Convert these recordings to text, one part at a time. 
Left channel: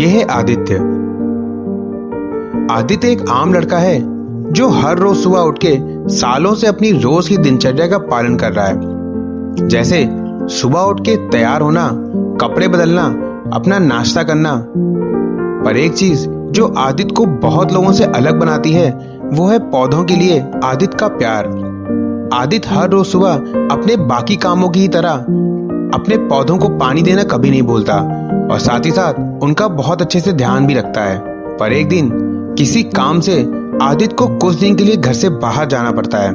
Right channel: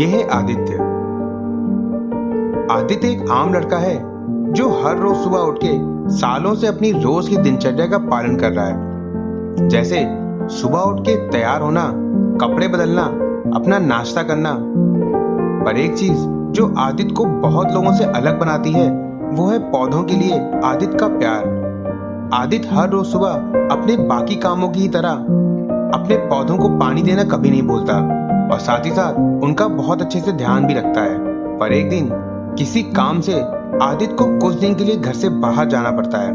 ये है आदित्य। आदित्य एक आम लड़का है जो हर रोज सुबह उठ के सालों से अपनी रोज की दिनचर्या का पालन कर रहा है। जैसे सुबह उठ के तैयार होना, कपड़े बदलना, अपना नाश्ता करना। पर एक चीज जो आदित्य को बहुत लोगों से अलग बनाती है वो है पौधों के लिए आदित्य का प्यार। आदित्य हर रोज सुबह अपने बाकी कामों की तरह अपने पौधों को पानी देना कभी नहीं भूलता और साथ ही साथ उनका बहुत अच्छे से ध्यान भी रखता है। पर एक दिन किसी काम से आदित्य को कुछ दिन के लिए घर से बाहर जाना पड़ता है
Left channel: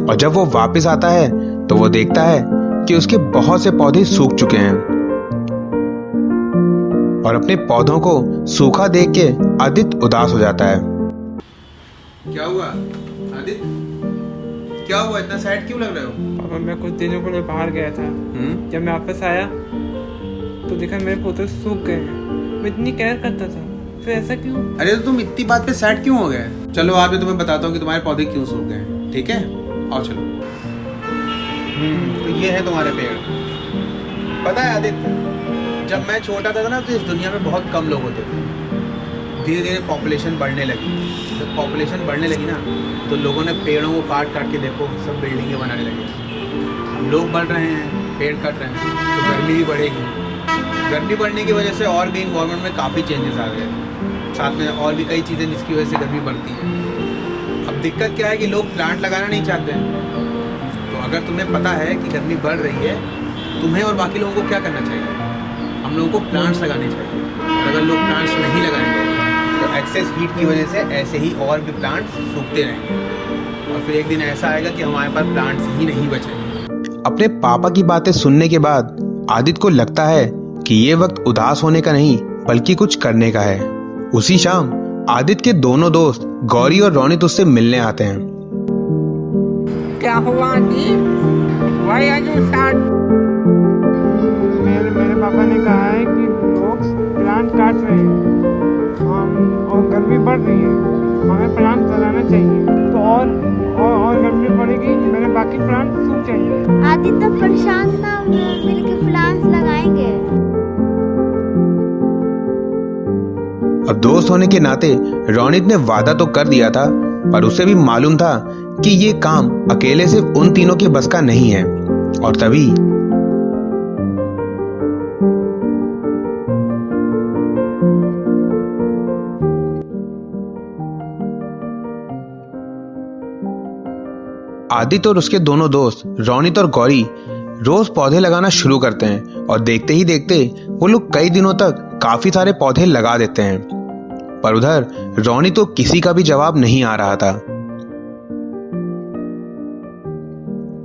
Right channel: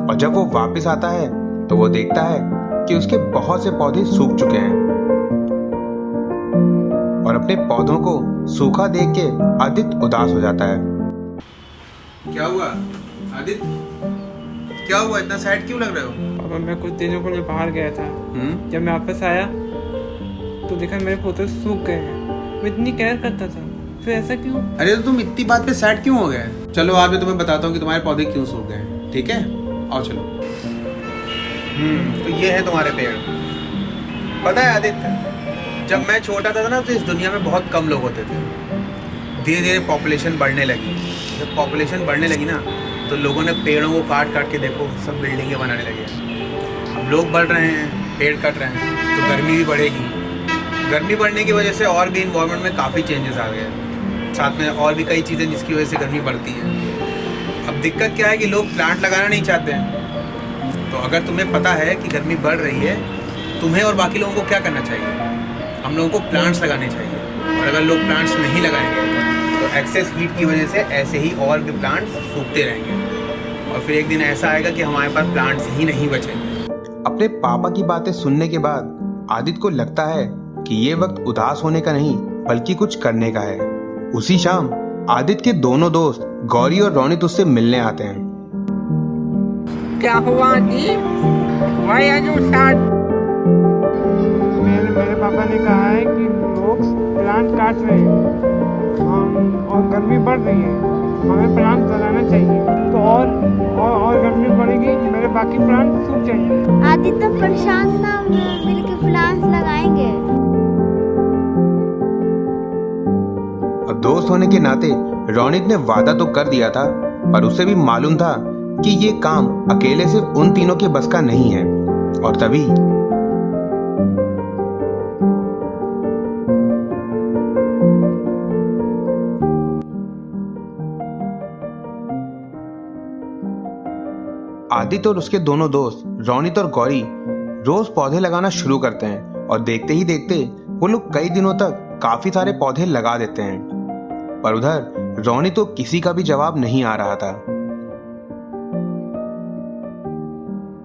और जब वो वापस आता है तो वो देखता है कि उसके बहुत से पौधे सूख चुके हैं और अपने पौधों को सूखा देख के आदित्य उदास हो जाता है। क्या हुआ आदित्य? क्या हुआ, इतना सैड क्यों लग रहे हो? पापा, मैं कुछ दिनों के लिए बाहर गया था। जब मैं वापस आया तो देखा मेरे पौधे सूख गए हैं। मैं इतनी केयर करता था, फिर ऐसा क्यों? अरे तो तुम इतनी बात पे सैड क्यों हो गए? चलो आज मैं तुम्हें बताता हूँ कि तुम्हारे पौधे क्यों सूख गए, ठीक है? आओ चलो। तो ये है तुम्हारे पेड़। पता है आदित्य, जब मैं छोटा था ना तो इस दुनिया में बहुत कम लोग होते थे। धीरे धीरे पॉपुलेशन बढ़ने लगी। जब पॉपुलेशन बढ़ने लगी ना तो लोगों ने पेड़ों को काट काट के देखो सब बिल्डिंगें बनाने लगे। अब लोग बढ़ रहे हैं, पेड़ कट रहे हैं, तो गर्मी भी बढ़ेगी। गर्मी बढ़ने की वजह से और भी इन्वायरमेंट में काफ़ी चेंजेस आ गए। साथ में और भी कई चीज़ें जिसकी वजह से गर्मी बढ़ती है। अब दिक्कत क्या है कि लोग प्लांट लगाना नहीं चाहते हैं। तो अगर तुम्हें पता है कि गर्मी बढ़ रही है, तुम्हें और बाकी लोगों को क्या करना चाहिए? हम लोगों को प्लांट्स लगाने चाहिए। और अगर लोग प्लांट्स नहीं लगाएंगे तो एक्सेस हीट की वजह से ऐसे ही और भी प्लांट्स सूखते रहेंगे और फिर एक दिन ऐसा आएगा कि हमारे पास प्लांट्स ही नहीं बचेंगे। अपने पापा की बातें सुनने के बाद आदित्य को लगता है कि ये वक्त उदास होने का नहीं बल्कि कुछ करने का है। उसी शाम आदित्य के दोनों दोस्त गौरी और रोनित उससे मिलने आते हैं। क्या हुआ जी? Why are you sad? मेरे पापा ने कहा है कि लोग प्लांट काट रहे हैं और गर्मी बढ़ रही है, हमें प्लांट लगाना चाहिए। तो और गर्मी बढ़ेगी, मेरे बाकी प्लांट सूख जाएंगे। आदित्य परेशान ना मिलके प्लांट्स लगाएंगे। अब दोस्त होने के नाते रोनित ने वादा तो कर दिया था पर उसे भी मालूम था कि ये काम अकेले सिर्फ उन तीनों के बस का नहीं है। और तभी आदित्य और उसके दोनों दोस्त रोनित और गौरी रोज पौधे लगाना शुरू करते हैं और देखते ही देखते वो लोग कई दिनों तक काफी सारे पौधे लगा देते हैं। पर उधर रोनित तो किसी का भी जवाब नहीं आ रहा था।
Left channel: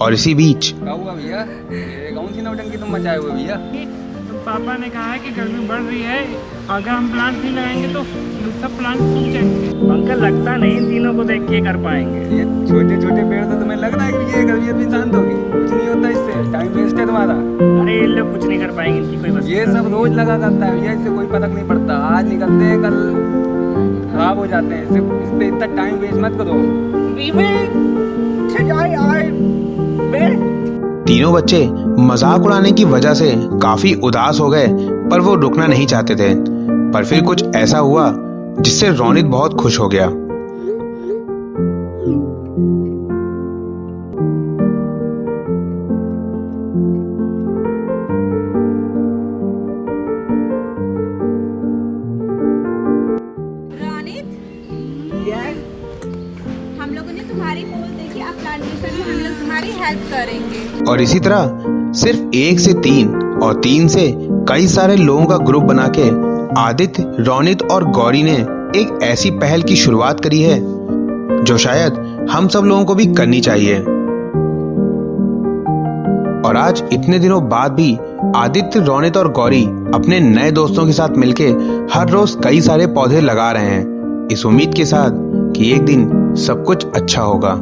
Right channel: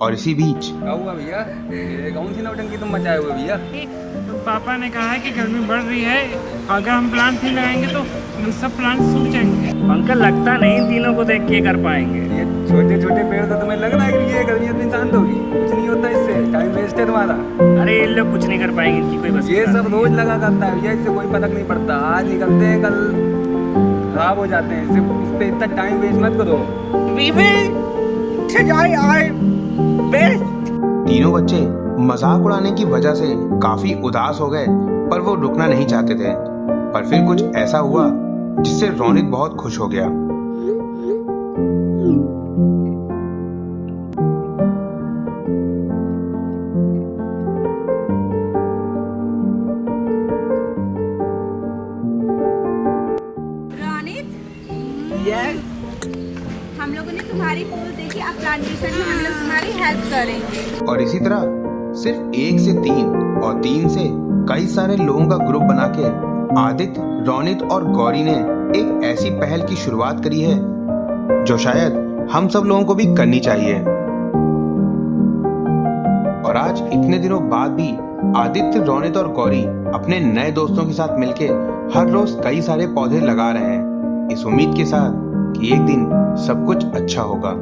और इसी बीच क्या हुआ भैया? ये कौन सी नौटंकी तुम मचाए हुए भैया? तो पापा ने कहा है कि गर्मी बढ़ रही है, अगर हम प्लांट नहीं लगाएंगे तो सब प्लांट सूख जाएंगे। अंकल, लगता नहीं इन तीनों को देख के कर पाएंगे। ये छोटे छोटे पेड़ तो तुम्हें लग रहा है कि ये गर्मी इतनी शांत होगी? कुछ नहीं होता इससे, टाइम वेस्ट है तुम्हारा। अरे ये लोग कुछ नहीं कर पाएंगे, इनकी कोई बस। ये सब रोज लगा करता है भैया, इससे कोई फर्क नहीं पड़ता। आज निकलते हैं, कल खराब हो जाते हैं। इस पे इतना टाइम वेस्ट मत करो। तीनों बच्चे मजाक उड़ाने की वजह से काफी उदास हो गए पर वो रुकना नहीं चाहते थे। पर फिर कुछ ऐसा हुआ जिससे रोनित बहुत खुश हो गया। रोनित, हम लोगों ने तुम्हारी पोल देखी, अब प्लांटेशन में हम लोग तुम्हारी हेल्प करेंगे। और इसी तरह सिर्फ 1 से 3 और 3 से कई सारे लोगों का ग्रुप बना के आदित्य, रोनित और गौरी ने एक ऐसी पहल की शुरुआत करी है जो शायद हम सब लोगों को भी करनी चाहिए। और आज इतने दिनों बाद भी आदित्य, रोनित और गौरी अपने नए दोस्तों के साथ मिलके हर रोज कई सारे पौधे लगा रहे हैं, इस उम्मीद के साथ कि एक दिन सब कुछ अच्छा होगा।